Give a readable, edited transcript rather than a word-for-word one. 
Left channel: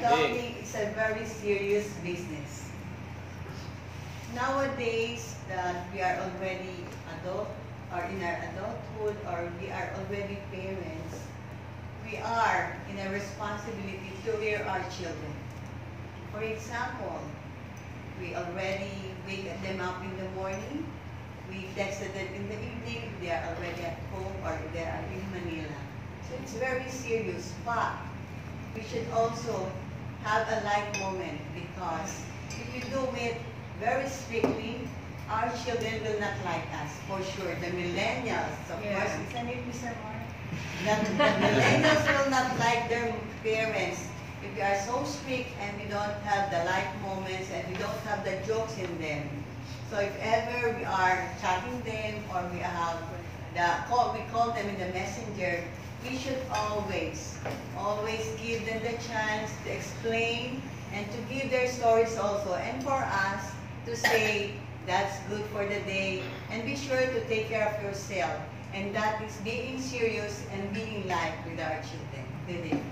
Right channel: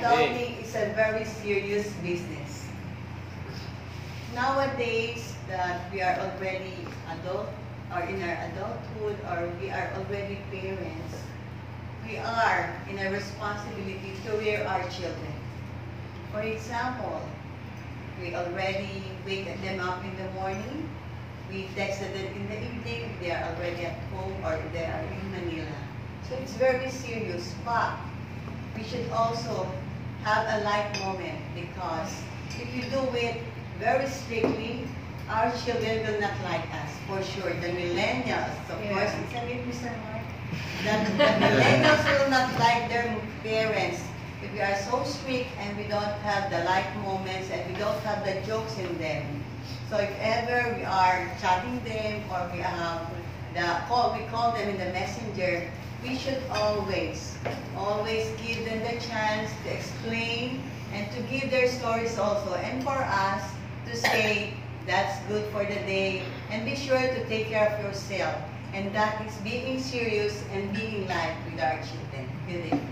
adulting is a very serious business. Nowadays that we are already adult, or in our adulthood, or we are already parents, we are in a responsibility to rear our children. For example, we already wake them up in the morning, we texted them in the evening, they are already at home or they are in Manila. So it's very serious, but we should also have a light moment, because if you do it very strictly, our children will not like us, for sure. The millennials, of course, isn't it, Mr. Mark? That the millennials will not like their parents if we are so strict and we don't have the light moments and we don't have the jokes in them. So if ever we are chatting them or we have we call them in the messenger, we should always give them the chance to explain and to give their stories also, and for us to say that's good for the day, and be sure to take care of yourself. And that is being serious and being light with our children. Good evening.